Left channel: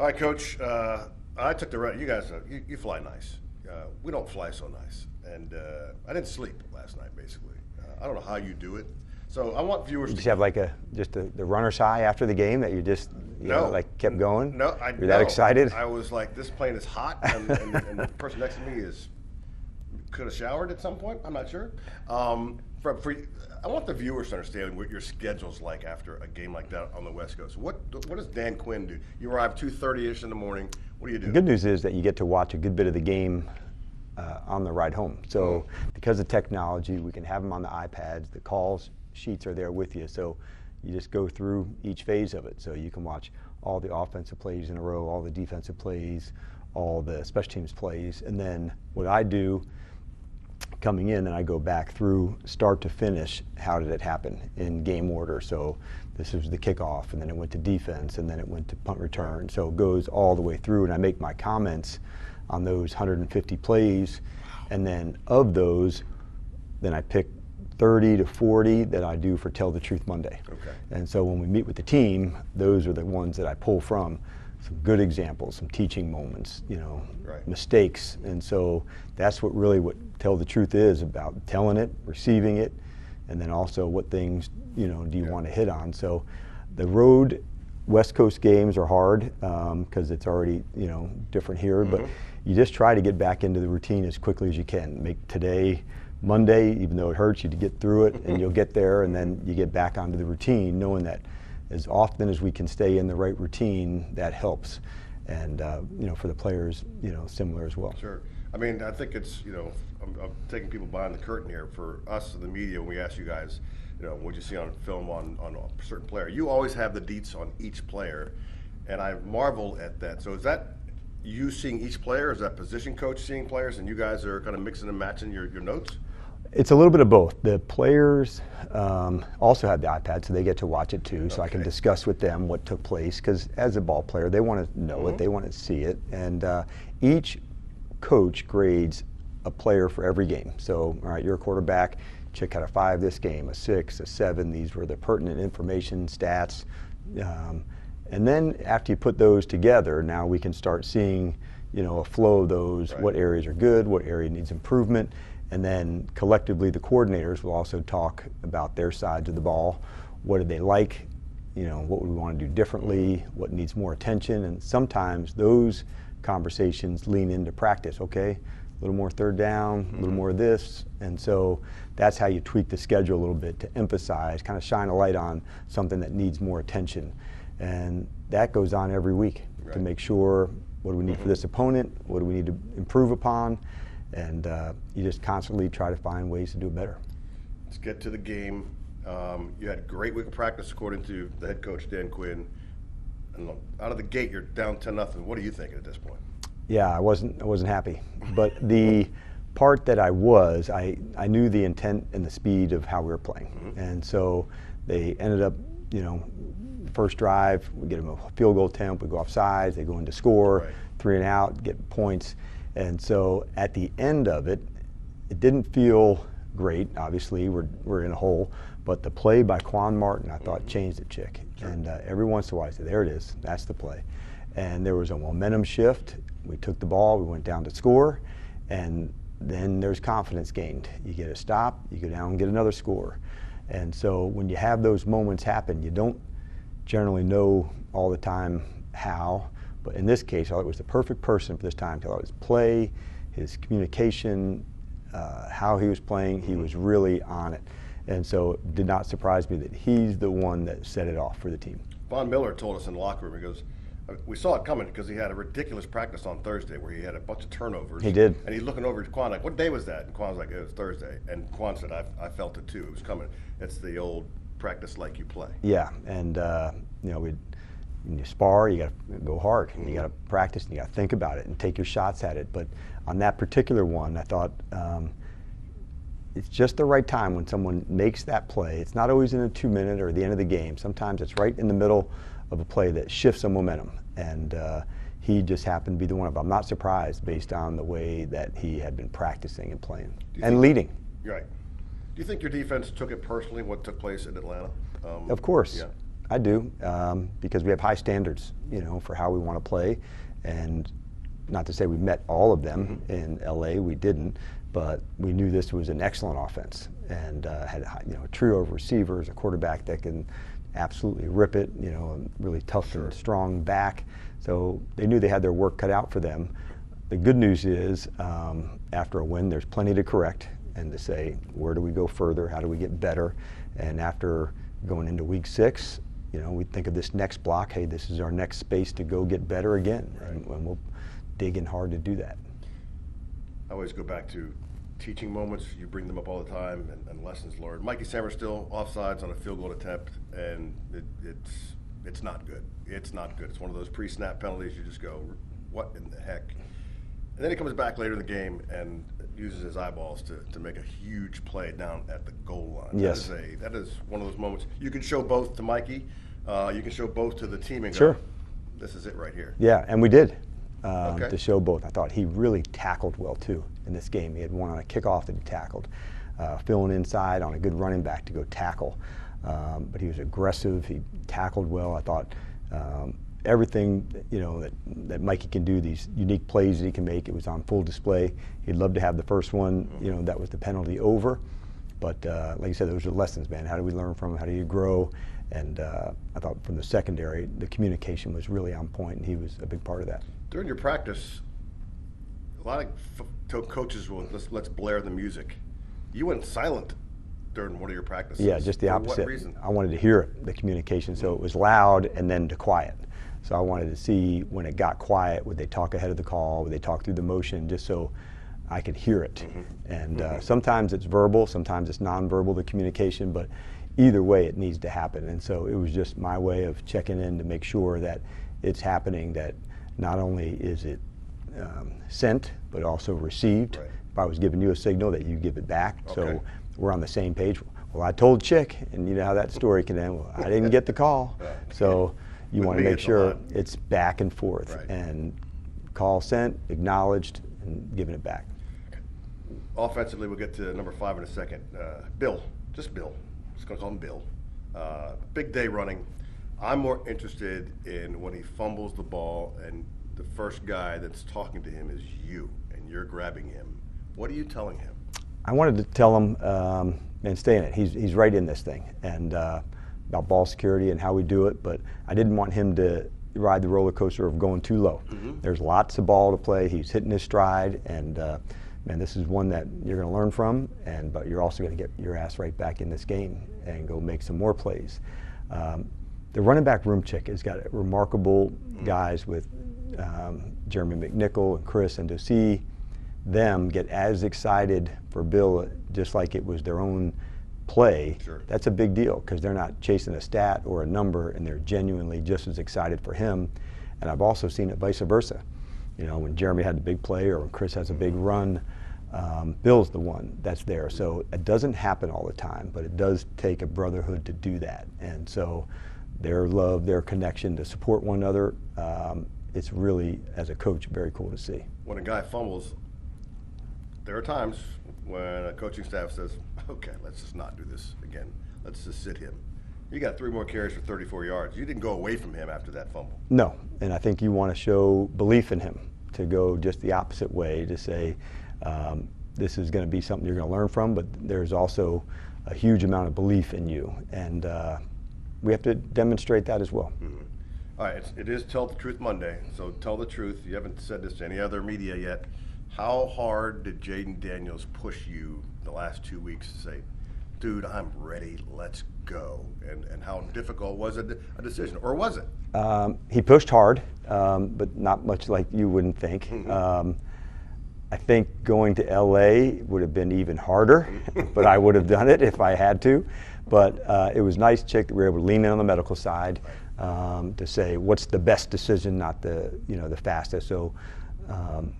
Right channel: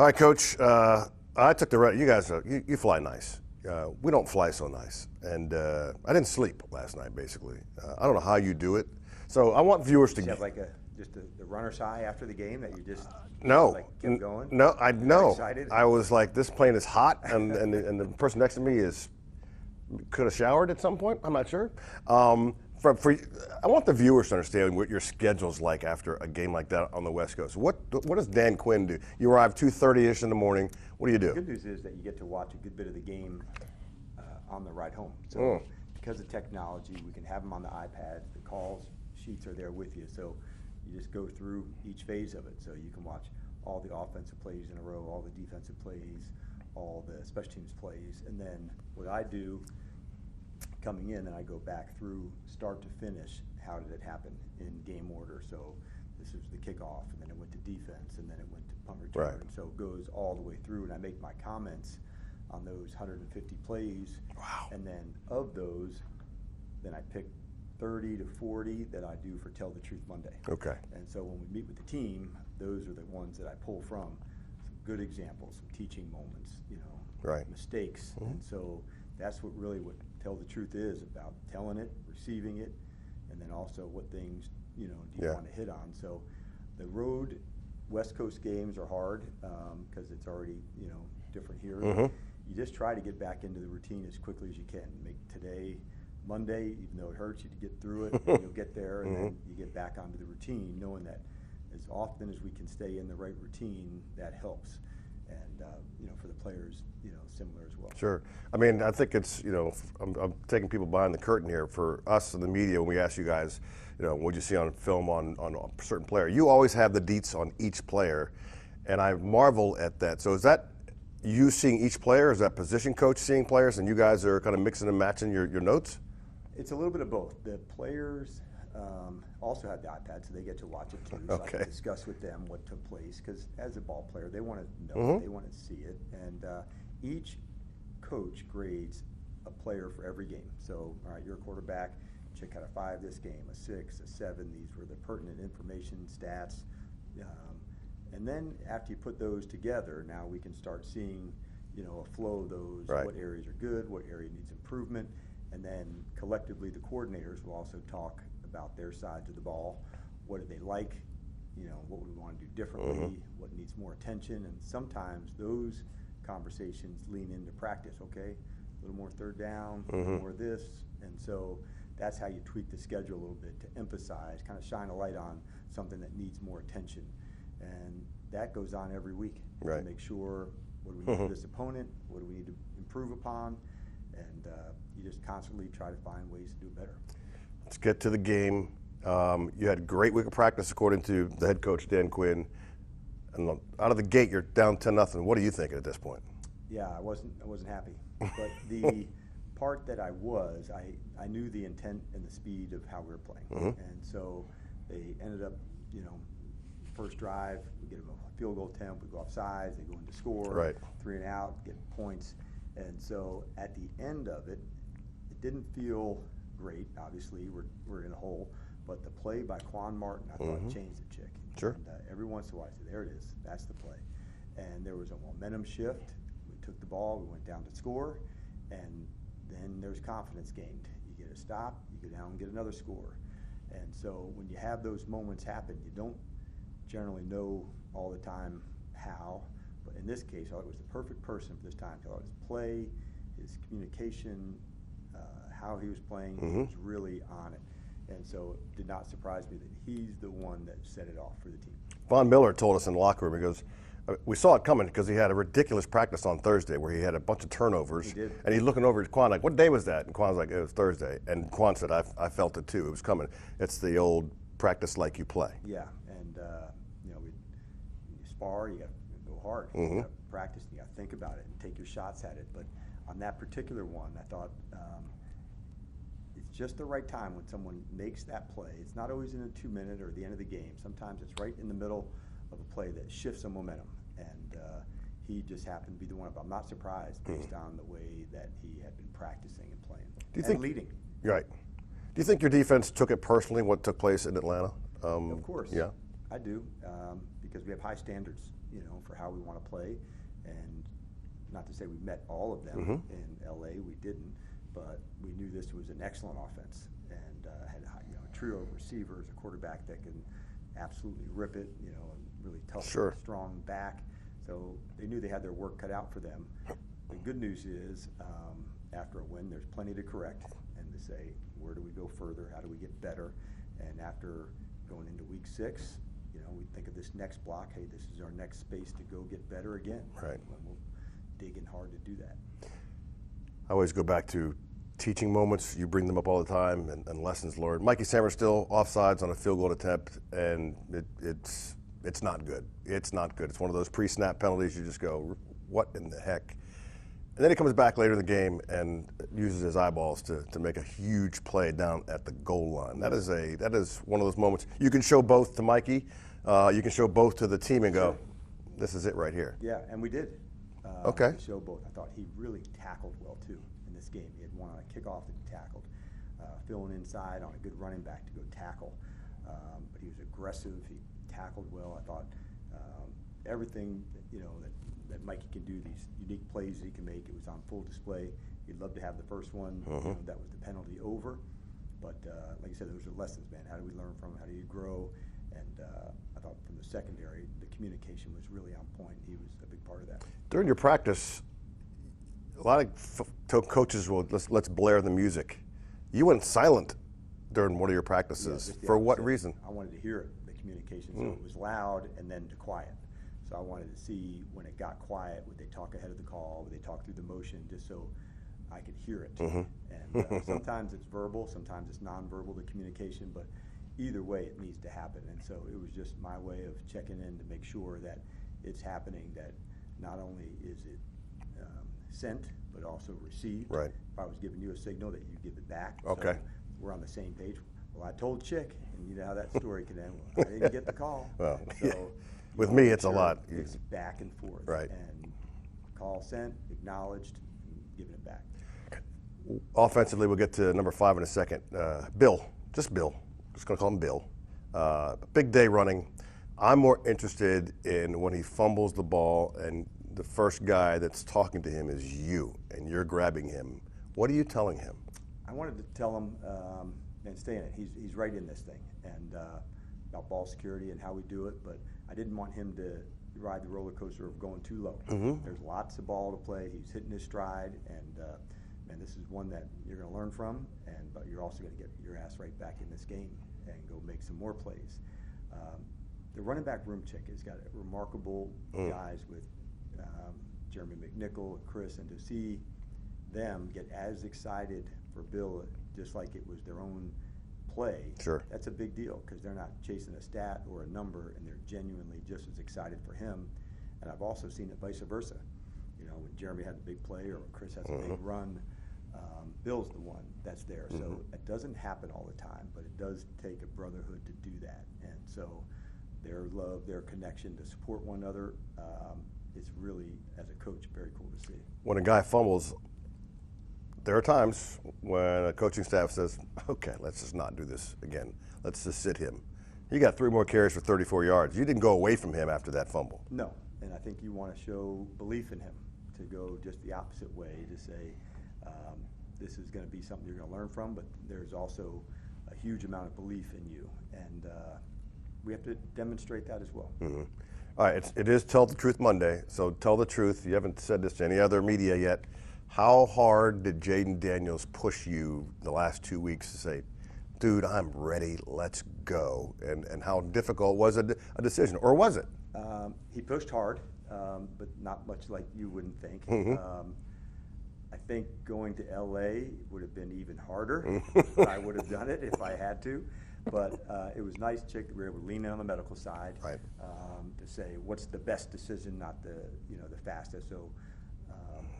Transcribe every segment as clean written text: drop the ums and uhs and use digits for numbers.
All right, Coach. I took the you guys. You fly nice. We don't fly so nice, and I didn't sleep last night. Basically, I don't know how you do it. So I want viewers You to have like the runner's high after the game that you just kept going. No, You're that excited. I was like, this plane is hot, and the person next to me could have showered at some point. I'm not sure. I want the viewers to understand what your schedule's like after a game like that on the West Coast. What does Dan Quinn do? You arrive 2:30ish in the morning. What do you do? The good news is that you get to watch a good bit of the game on the ride home. So because of technology, we can have them on the iPads. The calls sheets are there with you. So you just go through each phase of it. So you can watch all the offensive plays in a row, all the defensive plays, all the special teams plays. And then what I do coming in, and I go back through start to finish, how did it happen in game order. So this was the kickoff, and then it went to defense, and then it went to punt return. Right. So it goes all the way through, and I make my comments on those 150 plays. Wow. And then of those, then I pick 30 to 40 that I do for Tell the Truth Monday. Okay. And so when we meet with the team, those are the ones that I pull from. Some good examples, some teaching moments, right. mistakes. And so that's what Tell the Truth is about, telling it, receiving it, and then also what things, do you want to hit on. So the road West Coast games are hard because it's already, different here, but you just try to get back into the routine as quickly as you can. Make today Monday, even though it hurts you to get through it, and you'll get there, and then you get back onto the routine, knowing that as often as we can stay in the right routine, that helps. And for the players, similar as well. Sure. I mean, I think it's, I'm taking people behind the curtain here. For us in the media, when we ask you guys, what you see on film on a certain player, you always have the deets on each player, and I marvel at that. So is that you seeing each player? Is that position coach seeing players, and you guys are kind of mixing and matching your notes? It's a little bit of both. The players also have the iPad, so they get to watch it too, so I can discuss with them what took place, because as a ball player, they want to know it, they want to see it, and each coach grades a player for every game. So, all right, you're a quarterback, Chick had a 5 this game, a 6, a 7, these were the pertinent information, stats, and then after you put those together, now we can start seeing, a flow of those, what areas are good, what area needs improvement. And then collectively, the coordinators will also talk about their sides of the ball. What did they like? What would we want to do differently? What needs more attention? And sometimes those conversations lean into practice. Okay, a little more third down, a little more of this. And so that's how you tweak the schedule a little bit to emphasize, kind of shine a light on something that needs more attention. And that goes on every week to make sure, what do we need for this opponent? What do we need to improve upon? And you just constantly try to find ways to do it better. Let's get to the game. You had a great week of practice, according to the head coach, Dan Quinn. And out of the gate, you're down 10-0. What are you thinking at this point? Yeah, I wasn't happy. But the part that I knew the intent and the speed of how we were playing. And so they ended up, first drive, we get them a field goal attempt, we go off sides, they go in to score, 3 and out, get points. And so at the end of it, it didn't feel great. Obviously, we're in a hole. But the play by Quan Martin, I thought, changed the Chick. Sure. And every once in a while, I said, there it is. That's the play. And there was a momentum shift. We took the ball. We went down to score. And then there's confidence gained. You get a stop. You go down and get another score. And so when you have those moments happen, you don't generally know all the time how. But in this case, I thought it was the perfect person for this time. I thought his play, his communication, how he was playing, he was really on it. And so it did not surprise me that he's the one that set it off for the team. Von Miller told us in the locker room, he goes, we saw it coming because he had a ridiculous practice on Thursday where he had a bunch of turnovers. He did. And he's looking over at Quan like, what day was that? And Quan's like, it was Thursday. And Quan said, I felt it too. It was coming. It's the old practice like you play. Yeah, and when you spar, you got to go hard. And you got to practice, and you got to think about it and take your shots at it. But on that particular one, I thought it's just the right time when someone makes that play. It's not always in a 2-minute or the end of the game. Sometimes it's right in the middle of a play that shifts some momentum. And he just happened to be the one. I'm not surprised based on the way that he had been practicing and playing and leading. Right. Do you think your defense took it personally, what took place in Atlanta? Of course. Yeah. I do, because we have high standards, for how we want to play, and not to say we met all of them in LA, we didn't, but we knew this was an excellent offense, and had a trio of receivers, a quarterback that can absolutely rip it, a really tough, and strong back. So they knew they had their work cut out for them. The good news is, after a win, there's plenty to correct and to say, where do we go further? How do we get better? And after going into week 6, we think of this next block, hey, this is our next space to go get better again. Right. And we'll dig in hard to do that. I always go back to teaching moments. You bring them up all the time, and lessons learned. Mikey Sammer still offsides on a field goal attempt, and it's not good. It's not good. It's one of those pre-snap penalties. You just go, what in the heck? And then he comes back later in the game and uses his eyeballs to make a huge play down at the goal line. Yes. That is one of those moments. You can show both to Mikey. You can show both to the team and go, this is it right here. Yeah, and we did. To show both. I thought he really tackled well too in this game. He had one on a kickoff that he tackled, filling inside on a good running back to go tackle. But he was aggressive. He tackled well. I thought everything that Mikey can do, these unique plays that he can make, it was on full display. He'd love to have the first one. That was the penalty over. But like you said, those are lessons, man. How do we learn from them? How do you grow? And I thought from the secondary, the communication was really on point, and he was a big part of that. During your practice, a lot of coaches will, let's blare the music. You went silent during one of your practices. Yeah, just the opposite. For what reason? I wanted to hear it, the communication, so it was loud and then to quiet. So I wanted to see when it got quiet, would they talk ahead of the call, would they talk through the motion, just so I could hear it. And sometimes it's verbal, sometimes it's nonverbal, the communication, but either way it needs to happen. And so it was just my way of checking in to make sure that it's happening, that not only is it sent, but also received. Right. If I was giving you a signal, that you give it back. Okay. So we're on the same page. Well, I told Chick, and you know how that story can end. Well, I didn't get the call. So you want to make sure it's back and forth. Right. And call sent, acknowledged, and giving it back. Offensively, we'll get to number 5 in a second. Bill, just Bill. Just going to call him Bill. Big day running. I'm more interested in when he fumbles the ball and the first guy that's talking to him is you, and you're grabbing him. What are you telling him? I wanted to tell him, and stay in it. He's right in this thing, and about ball security and how we do it, but I didn't want him to ride the roller coaster of going too low. There's lots of ball to play. He's hitting his stride, and man, this is one that you're going to learn from, but you're also going to get your ass right back in this game and go make some more plays. The running back room check has got remarkable guys with Jeremy McNichol and Chris, and to see them get as excited for Bill just like it was their own play, that's a big deal, because they're not chasing a stat or a number, and they're genuinely just as excited for him. And I've also seen it vice versa. When Jeremy had the big play or when Chris has a big run, Bill's the one that's there. So it doesn't happen all the time, but it does take a brotherhood to do that. And so their love, their connection to support one another, it's really, as a coach, very cool to see. When a guy fumbles, there are times when a coaching staff says, okay, let's just not do this again. Let's just sit him. You got 3 more carries for 34 yards. You didn't go away from him after that fumble. No, and I think you want to show belief in him, to go just the opposite way, to say this is going to be something you're going to learn from, but there's also a huge amount of belief in you, and we have to demonstrate that as well. All right, it is Tell the Truth Monday, so tell the truth. You haven't said this to any other media yet. How hard did Jayden Daniels push you the last 2 weeks to say, dude, I'm ready, let's go? And how difficult was it a decision, or was it? He pushed hard, but not much like you wouldn't think. I think going to LA would have been even harder, but I would have done it if I had to. But it was nice, Chick, that we were able to lean in on the medical side, to say what's the best decision, not the the fastest. So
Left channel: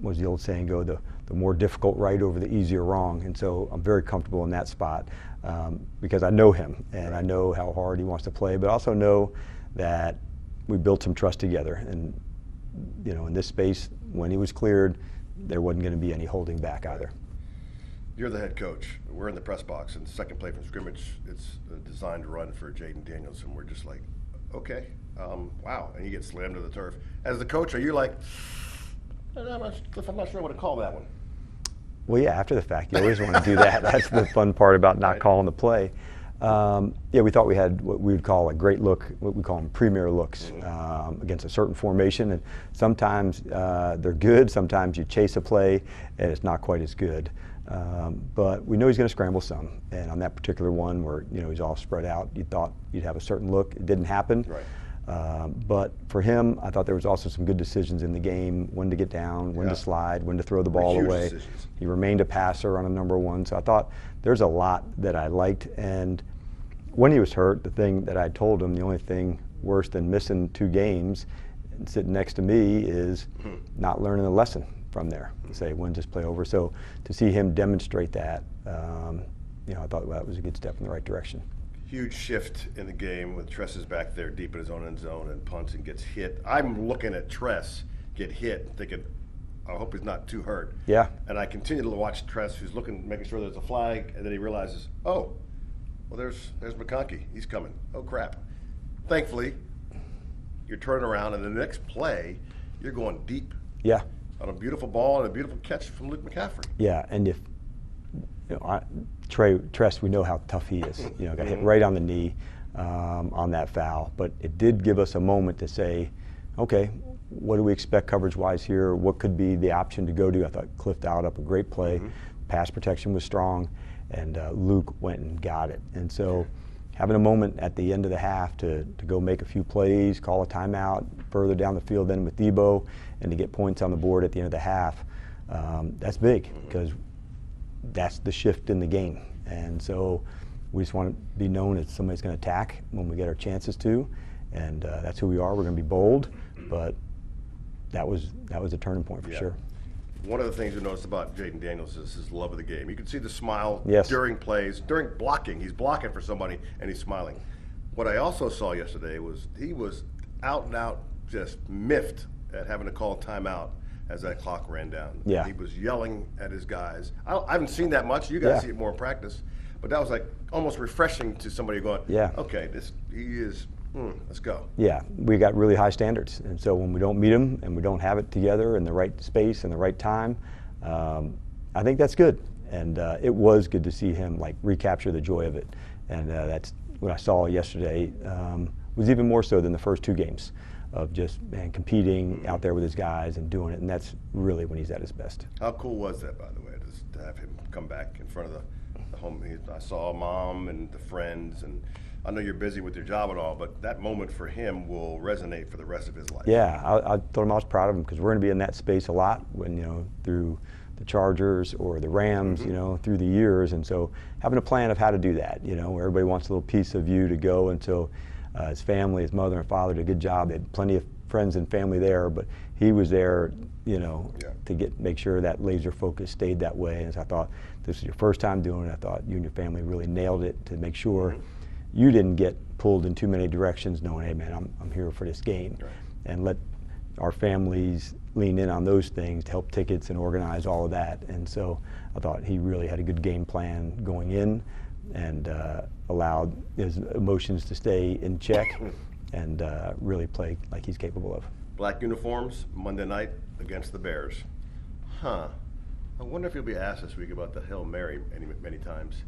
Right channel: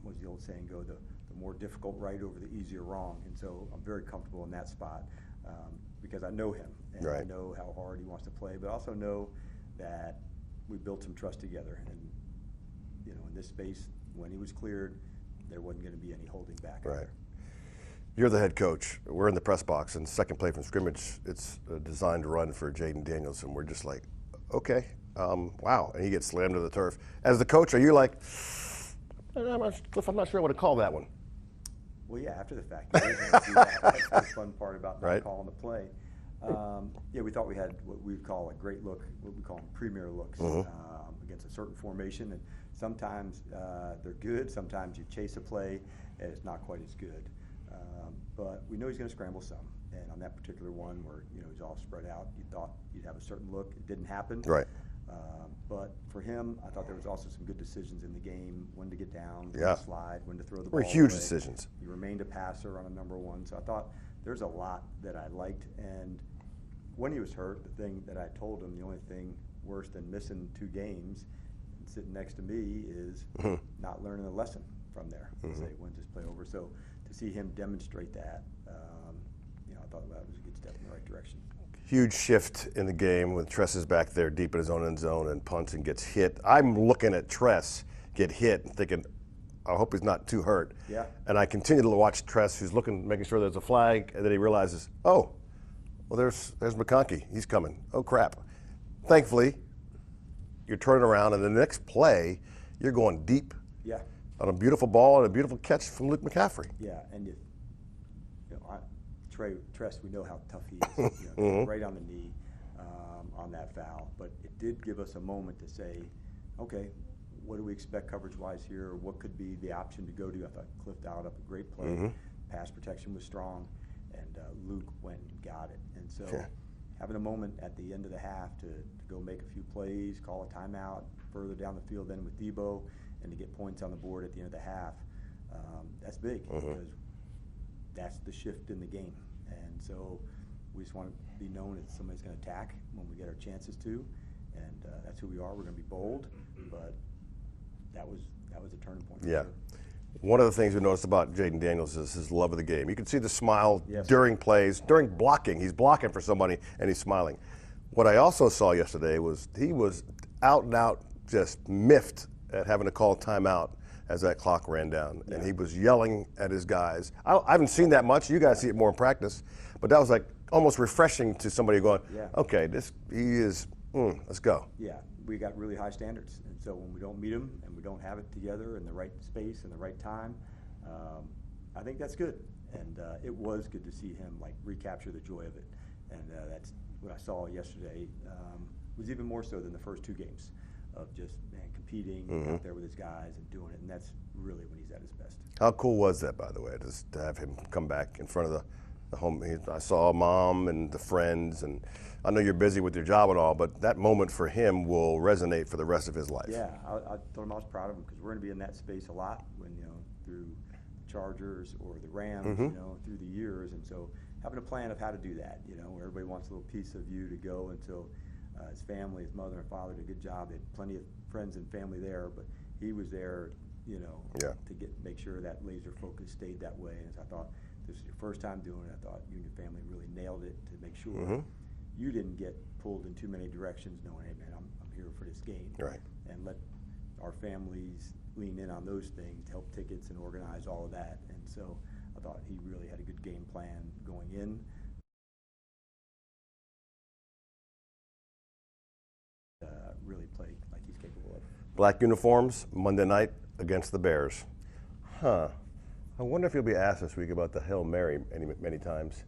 what does the old saying go, the more difficult right over the easier wrong. And so I'm very comfortable in that spot, because I know him, and I know how hard he wants to play, but also know that we built some trust together. And in this space, when he was cleared, there wasn't going to be any holding back either. You're the head coach. We're in the press box, and second play from scrimmage, it's designed to run for Jayden Daniels, and we're just like, Okay. Wow. And he gets slammed to the turf. As the coach, are you like, Cliff, I'm not sure what to call that one. Well, yeah, after the fact, you always want to do that. That's the fun part about not calling the play. Yeah, we thought we had what we would call a great look, what we call them premier looks, against a certain formation. And sometimes they're good, sometimes you chase a play and it's not quite as good. But we know he's going to scramble some. And on that particular one where, he's all spread out, you thought you'd have a certain look. It didn't happen. Right. But for him, I thought there was also some good decisions in the game, when to get down, when to slide, when to throw the ball huge away. Decisions. He remained a passer on a number one, so I thought there's a lot that I liked. And when he was hurt, the thing that I told him, the only thing worse than missing 2 games and sitting next to me is not learning a lesson from there. Say, when's this play over? So to see him demonstrate that, I thought that was a good step in the right direction. Huge shift in the game when Tress is back there deep in his own end zone and punts and gets hit. I'm looking at Tress get hit and thinking, I hope he's not too hurt. Yeah. And I continue to watch Tress, who's looking, making sure there's a flag, and then he realizes, oh, well, there's McConkey. He's coming. Oh, crap. Thankfully, you're turning around, and the next play, you're going deep. Yeah. On a beautiful ball and a beautiful catch from Luke McCaffrey. Yeah, and if Tress, we know how tough he is. Got hit right on the knee on that foul. But it did give us a moment to say, okay, what do we expect coverage-wise here? What could be the option to go to? I thought Cliff dialed up a great play. Pass protection was strong, and Luke went and got it. And so having a moment at the end of the half to go make a few plays, call a timeout, further down the field then with Debo, and to get points on the board at the end of the half, that's big because that's the shift in the game. And so we just want to be known as somebody's going to attack when we get our chances to, and that's who we are. We're going to be bold, but that was a turning point for sure. One of the things we noticed about Jaden Daniels is his love of the game. You can see the smile Yes. during plays, during blocking. He's blocking for somebody and he's smiling. What I also saw yesterday was he was out and out just miffed at having to call a timeout as that clock ran down. Yeah. And he was yelling at his guys. I haven't seen that much. You guys see it more in practice. But that was like almost refreshing to somebody going, okay, he is, let's go. Yeah, we got really high standards. And so when we don't meet them and we don't have it together in the right space and the right time, I think that's good. And it was good to see him recapture the joy of it. And that's what I saw yesterday was even more so than the first 2 games of just competing out there with his guys and doing it, and that's really when he's at his best. How cool was that, by the way, to have him come back in front of the home? I saw Mom and the friends, and I know you're busy with your job and all, but that moment for him will resonate for the rest of his life. Yeah, I told him I was proud of him because we're going to be in that space a lot when through the Chargers or the Rams, through the years, and so having a plan of how to do that, where everybody wants a little piece of you to go, and so his family, his mother and father did a good job. They had plenty of friends and family there, but he was there, to make sure that laser focus stayed that way. And so I thought, this is your first time doing it. I thought you and your family really nailed it to make sure you didn't get pulled in too many directions, knowing, hey man, I'm here for this game, and let our families lean in on those things to help tickets and organize all of that. And so I thought he really had a good game plan going in, and allowed his emotions to stay in check and really play like he's capable of. Black uniforms, Monday night against the Bears. I wonder if you'll be asked this week about the Hail Mary many times.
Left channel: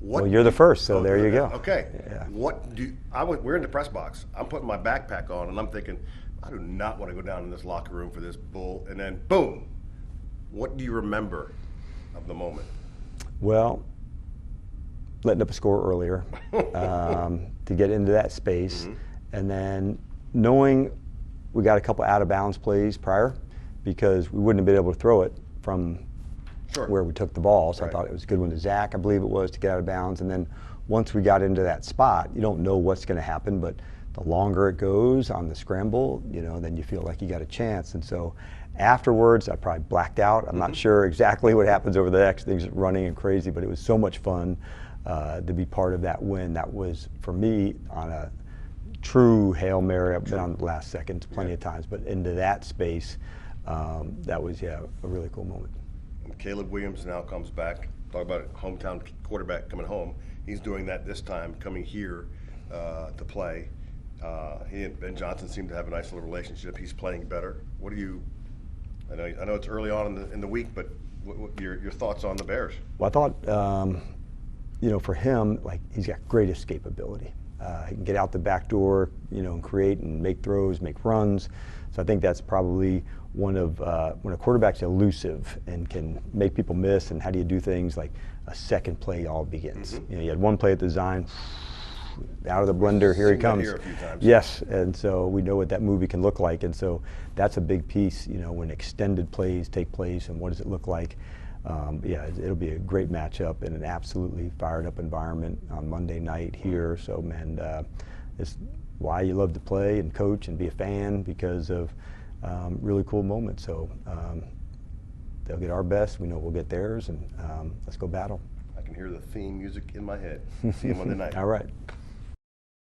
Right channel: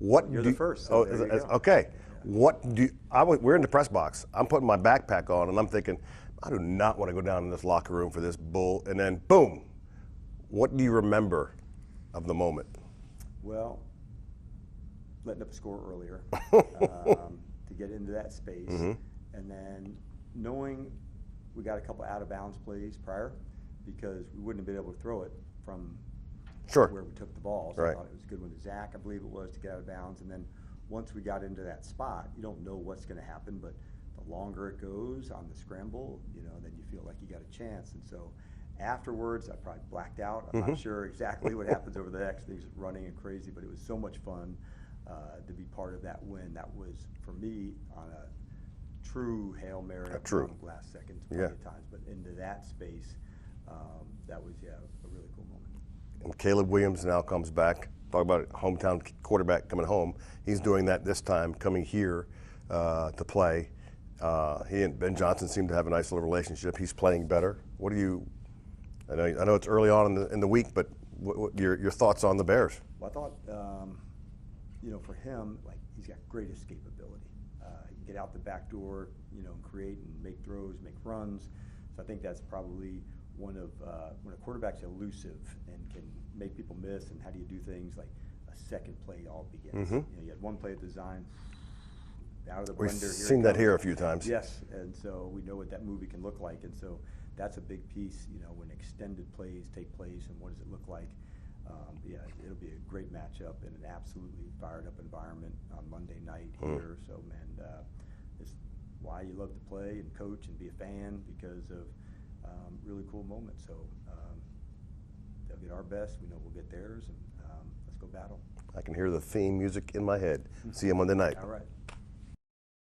Well, you're the first, so there you go. Okay. Yeah. We're in the press box. I'm putting my backpack on, and I'm thinking, I do not want to go down in this locker room for this bull. And then, boom, what do you remember of the moment? Well, letting up a score earlier to get into that space, and then knowing we got a couple out of bounds plays prior because we wouldn't have been able to throw it from where we took the ball. So I thought it was a good one to Zach, I believe it was, to get out of bounds. And then once we got into that spot, you don't know what's going to happen, but the longer it goes on the scramble, then you feel like you got a chance. And so afterwards, I probably blacked out. I'm not sure exactly what happens over the next things running and crazy, but it was so much fun to be part of that win. That was, for me, on a true Hail Mary up around the last seconds plenty of times, but into that space, that was, a really cool moment. And Caleb Williams now comes back. Talk about it, hometown quarterback coming home. He's doing that this time, coming here to play. He and Ben Johnson seem to have a nice little relationship. He's playing better. What do you? I know it's early on in the week, but what your thoughts on the Bears? Well, I thought, you know, for him, like, he's got great escapability. He can get out the back door, you know, and create and make throws, make runs. So I think that's probably one of when a quarterback's elusive and can make people miss. And how do you do things like a second play all begins? You know, you had one play at the design, out of the blender, here he comes. That here a few times. Yes, and so we know what that movie can look like, and so that's a big piece. You know, when extended plays take place, and what does it look like? Yeah, it'll be a great matchup in an absolutely fired up environment on Monday night here. So, man, it's why you love to play and coach and be a fan, because of really cool moments. So they'll get our best. We know we'll get theirs, and let's go battle. I can hear the theme music in my head. See you Monday night. All right.